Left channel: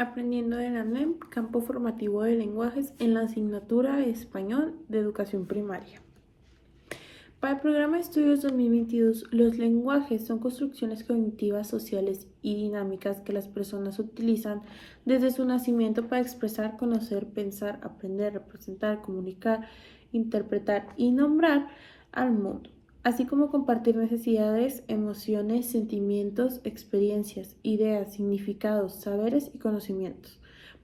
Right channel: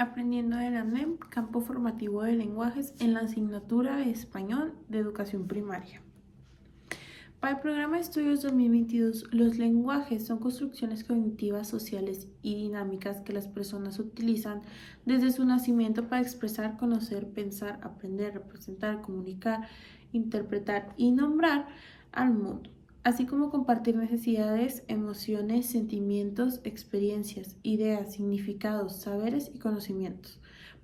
Aprendiendo de la NEM, campo formativo de lenguajes en la asignatura de Español de Educación Primaria. Para el programa de estudios 2022, los lenguajes son construcciones cognitivas, sociales y dinámicas que las personas utilizan desde su nacimiento para expresar, conocer, pensar, aprender, representar, comunicar, interpretar y nombrar al mundo, así como compartir necesidades, emociones, sentimientos, experiencias, ideas, significados, saberes y conocimientos.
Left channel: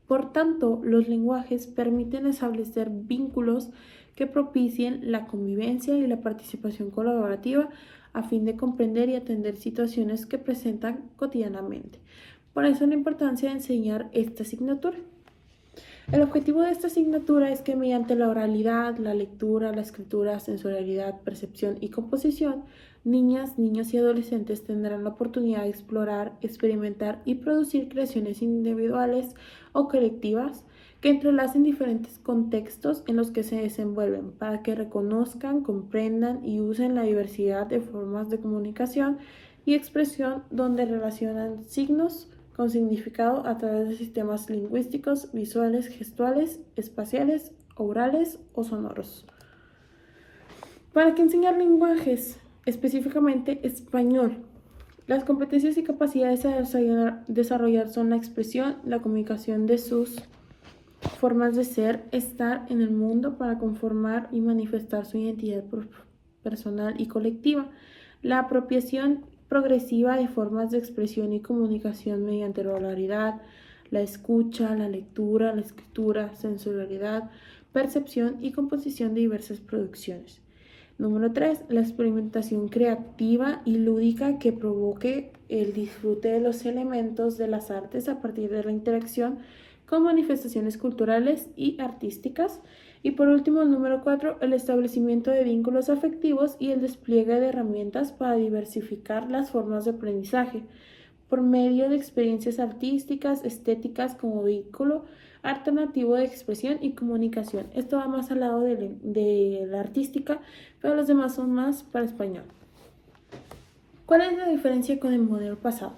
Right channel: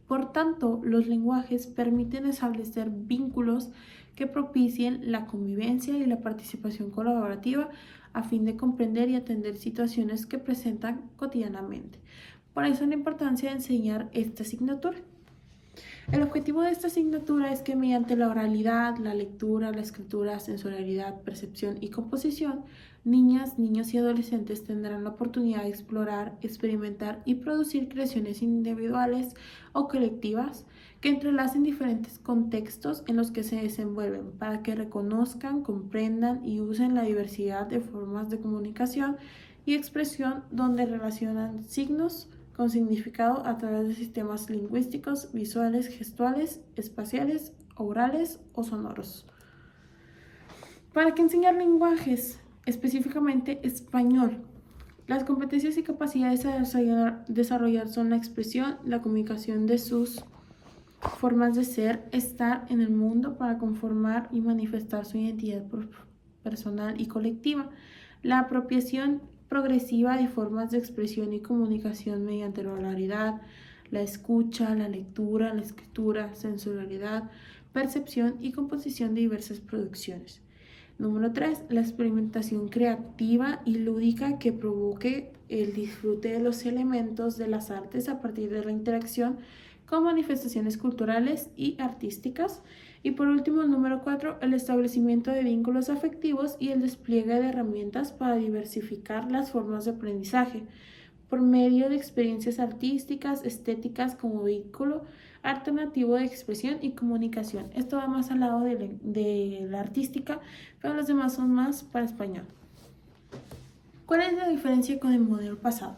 Por tanto, los lenguajes permiten establecer vínculos que propicien la convivencia y la participación colaborativa a fin de comprender y atender situaciones que presentan cotidianamente. Por eso la importancia de enseñar esta asignatura. El objetivo de esta asignatura es que mediante la oralidad, la lectura, la escritura, sensorialidad, percepción y composición, niñas, niños y adolescentes tendrán la oportunidad de explorar, experimentar y producir creaciones individuales o colectivas que entrelacen diferentes contextos en los que se desenvuelven para que reconozcan, comprendan y usen la diversidad de formas de comunicación y expresión donde relacionan signos con significado a través de sistemas lingüísticos, visuales, gestuales, espaciales, orales o sonoros. ¿Para qué enseñar lenguajes? Específicamente español. Las competencias y capacidades a desarrollar son la expresión, la comunicación de sus formas de ser, estar en el mundo para conformar y manifestar su identidad personal y colectiva, la apropiación progresiva de formas de expresión y comunicación mediante la oralidad, la escucha, la lectura, la escritura, sensorialidad, percepción y composición de diversas producciones. Número 3. La experimentación creativa y lúdica que provoque el disfrute de los elementos de las artes a partir de la interacción con manifestaciones culturales y artísticas. Y por último, número 4, el establecimiento de vínculos afectivos y el despliegue de herramientas para diversificar las formas de aprendizaje por medio de experiencias artísticas, estéticas como vínculo alternativo de expresión y comunicación. Esto va más al lado de la artística, pero los demás son más para español. ¿Cuál es la diferencia con el modelo pasado?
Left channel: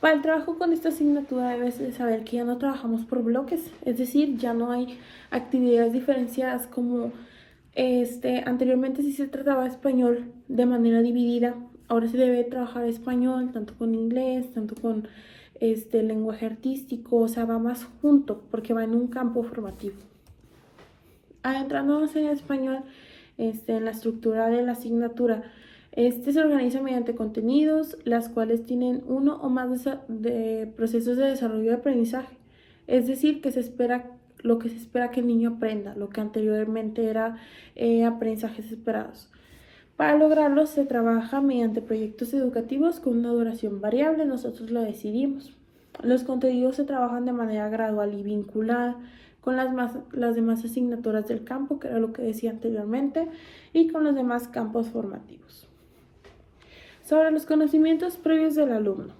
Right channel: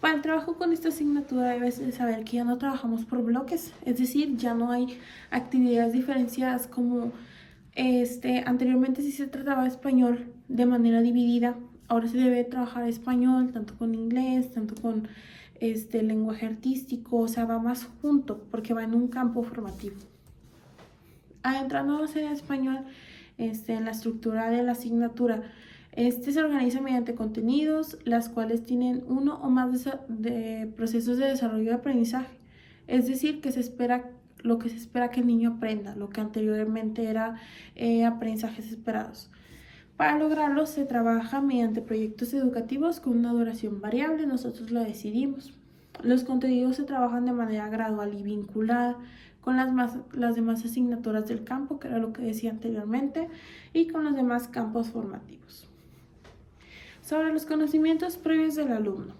Para el trabajo con esta asignatura debes de saber que ya no trabajamos por bloques, es decir, ya no hay actividades diferenciadas como anteriormente sí se trataba español de manera dividida. Ahora se debe trabajar español tanto con inglés, tanto con lenguaje artístico, o sea, va más junto porque va en un campo formativo. Adentrándonos en español, en la estructura de la asignatura, se organiza mediante contenidos, las cuales tienen uno o más de procesos de desarrollo de aprendizaje. Es decir, lo que se espera que el niño aprenda, lo que anteriormente era aprendizajes esperados. Para lograrlo se trabaja mediante proyectos educativos con una duración variable, nosotros lo decidimos. Los contenidos se trabajan de manera gradual y vinculada con las demás asignaturas del campo, que era lo que decía anteriormente, y con los demás campos formativos. Sobre los conocimientos previos del alumno.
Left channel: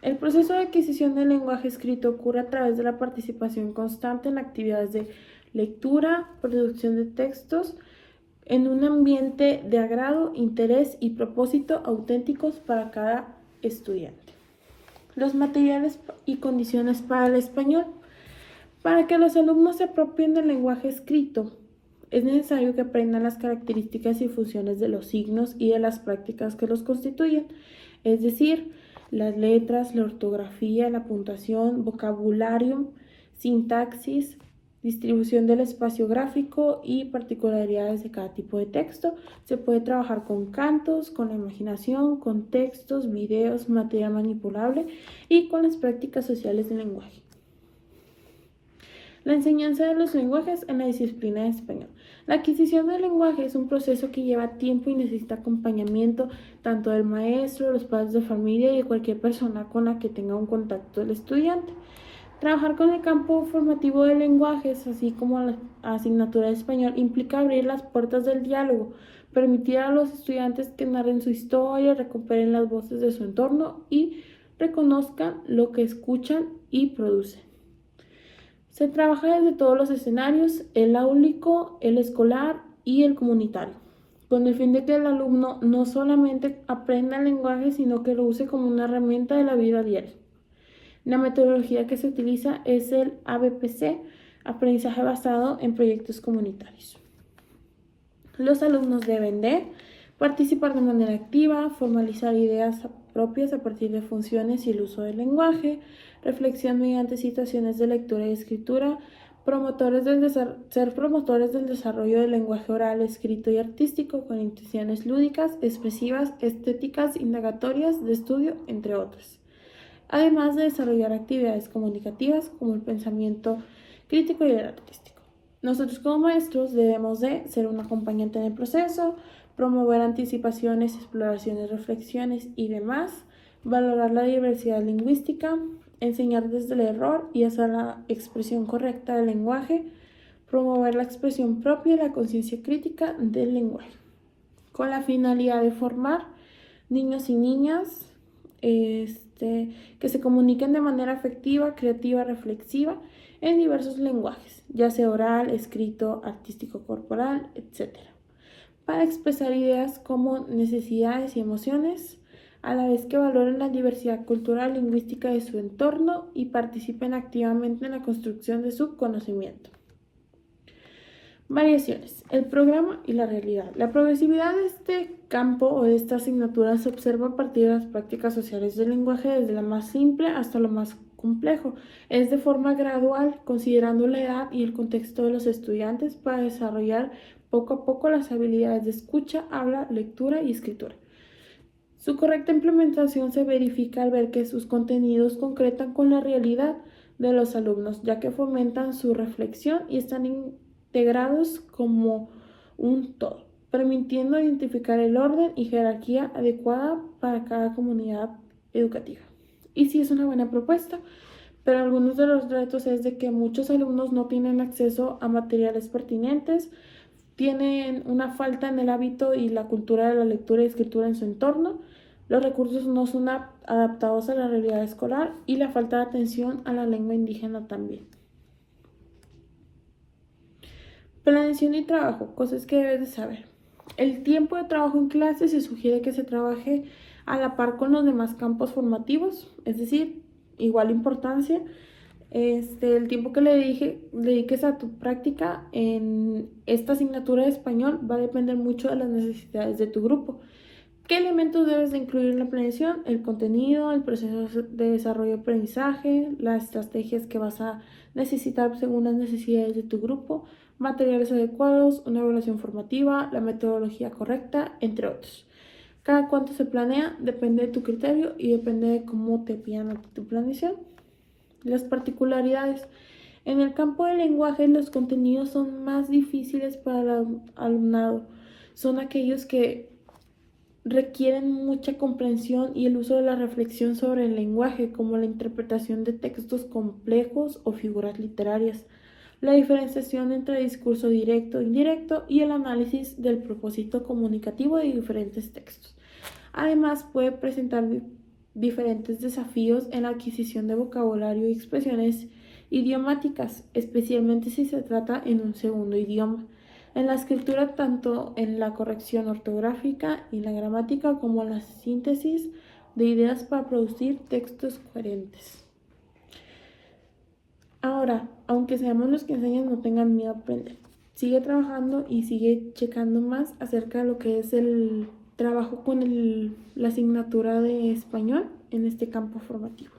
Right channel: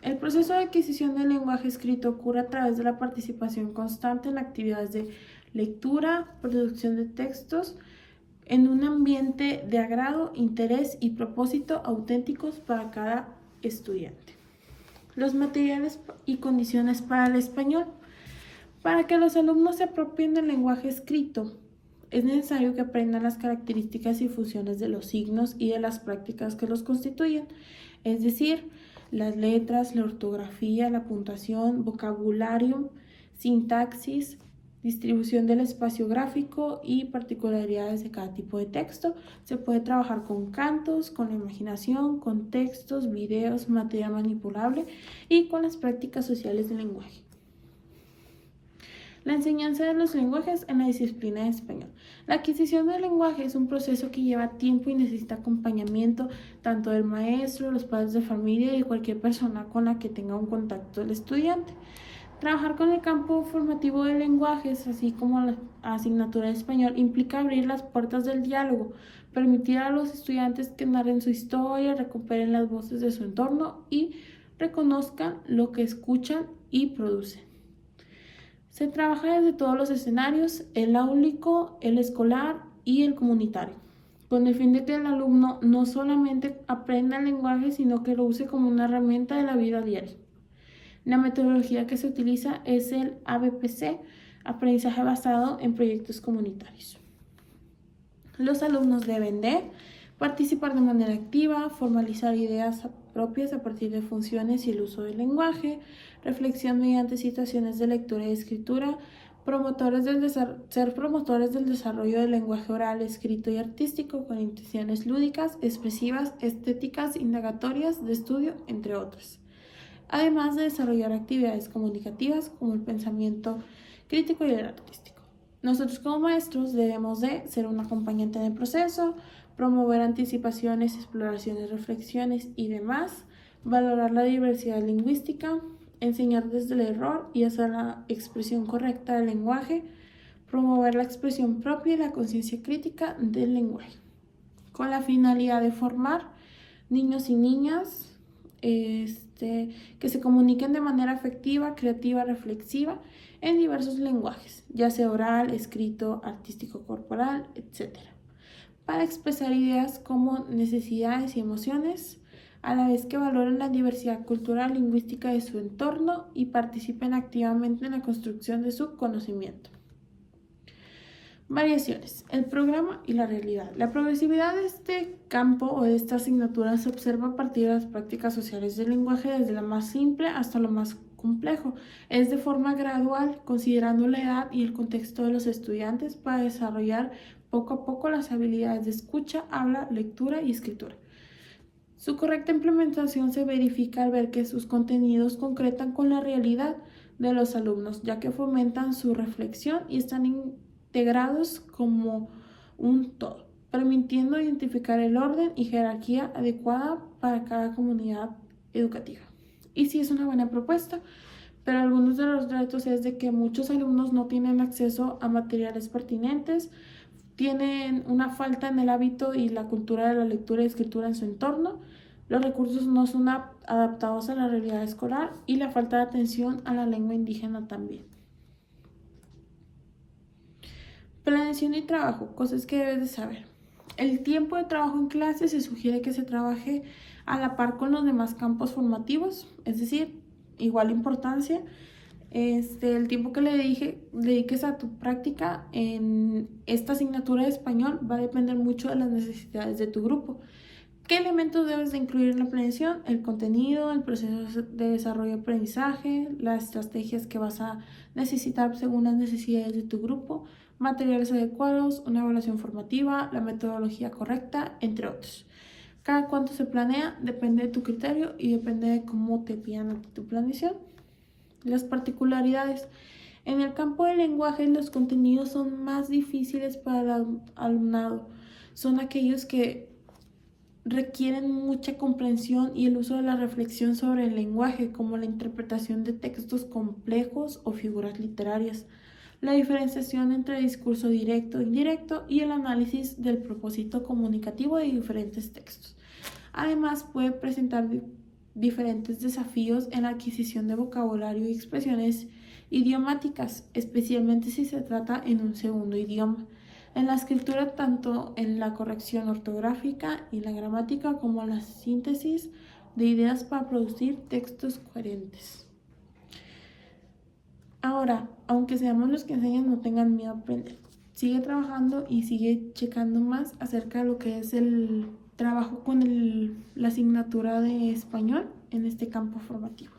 El proceso de adquisición del lenguaje escrito ocurre a través de la participación constante en actividades de lectura, producción de textos, en un ambiente de agrado, interés y propósito auténticos para cada estudiante. Los materiales y condiciones para el español. Para que los alumnos se apropien del lenguaje escrito, es necesario que aprendan las características y funciones de los signos y de las prácticas que los constituyen, es decir, las letras, la ortografía, la puntuación, vocabulario, sintaxis, distribución del espacio gráfico y particularidades de cada tipo de texto. Se puede trabajar con cantos, con la imaginación, con textos, videos, material manipulable y con las prácticas sociales del lenguaje. La enseñanza de los lenguajes en la disciplina de español. La adquisición del lenguaje es un proceso que lleva tiempo y necesita acompañamiento tanto del maestro, de los padres de familia y de cualquier persona con la que tenga un contacto el estudiante. Trabajar con el campo formativo de lenguajes, así como la asignatura de español, implica abrir las puertas del diálogo, permitir a los estudiantes que narren su historia, recuperen las voces de su entorno y reconozcan lo que escuchan y producen. Se trabaja desde todos los escenarios, el áulico, el escolar y el comunitario, con el fin de que el alumno no solamente aprenda el lenguaje, sino que lo use como una herramienta de la vida diaria. La metodología que se utiliza es el ABPC, aprendizaje basado en proyectos comunitarios. Los alumnos deben de participar de manera activa, formalizar ideas propias a partir de funciones y el uso del lenguaje, reflexión mediante situaciones de lectura y escritura, ser promotores del desarrollo del lenguaje oral, escrito y artístico con intenciones lúdicas, expresivas, estéticas, indagatorias, de estudio, entre otras. Además de desarrollar actividades comunicativas como el pensamiento crítico y el artístico. Nosotros como maestros debemos de ser un acompañante en el proceso, promover anticipaciones, exploraciones, reflexiones y demás, valorar la diversidad lingüística, enseñar desde el error y hacer la expresión correcta del lenguaje, promover la expresión propia y la conciencia crítica del lenguaje, con la finalidad de formar niños y niñas que se comuniquen de manera afectiva, creativa, reflexiva en diversos lenguajes, ya sea oral, escrito, artístico, corporal, etc., para expresar ideas como necesidades y emociones, a la vez que valoren la diversidad cultural y lingüística de su entorno y participen activamente en la construcción de su conocimiento. Variaciones, el programa y la realidad. La progresividad de este campo o de esta asignatura se observa a partir de las prácticas sociales del lenguaje, desde la más simple hasta lo más complejo. Es de forma gradual, considerando la edad y el contexto de los estudiantes para desarrollar poco a poco las habilidades de escucha, habla, lectura y escritura. Su correcta implementación se verifica al ver que sus contenidos concretan con la realidad de los alumnos, ya que fomentan su reflexión y están integrados como un todo, permitiendo identificar el orden y jerarquía adecuada para cada comunidad educativa. Y sí es una buena propuesta, pero algunos de los retos es de que muchos alumnos no tienen acceso a materiales pertinentes, tienen una falta en el hábito y la cultura de la lectura y escritura en su entorno, los recursos no son adaptados a la realidad escolar y la falta de atención a la lengua indígena también. Planeación y trabajo, cosas que debes de saber. El tiempo de trabajo en clase se sugiere que se trabaje a la par con los demás campos formativos, es decir, igual importancia. El tiempo que dediques a tu práctica en esta asignatura de español va a depender mucho de las necesidades de tu grupo. ¿Qué elementos debes de incluir en la planeación? El contenido, el proceso de desarrollo de aprendizaje, las estrategias que vas a necesitar según las necesidades de tu grupo, materiales adecuados, una evaluación formativa, la metodología correcta, entre otros. Cada cuánto se planea depende de tu criterio y depende de cómo te pidan a ti tu planeación. Las particularidades. En el campo del lenguaje, los contenidos son más difíciles para el alumnado. Son aquellos que requieren mucha comprensión y el uso de la reflexión sobre el lenguaje, como la interpretación de textos complejos o figuras literarias, la diferenciación entre discurso directo e indirecto y el análisis del propósito comunicativo de diferentes textos. Además, puede presentar diferentes desafíos en la adquisición de vocabulario y expresiones idiomáticas, especialmente si se trata en un segundo idioma. En la escritura, tanto en la corrección ortográfica y la gramática como en la síntesis de ideas para producir textos coherentes. Ahora, aunque seamos los que enseñan, no tengan miedo a aprender. Sigue trabajando y sigue checando más acerca de lo que es el trabajo con la asignatura de español en este campo formativo.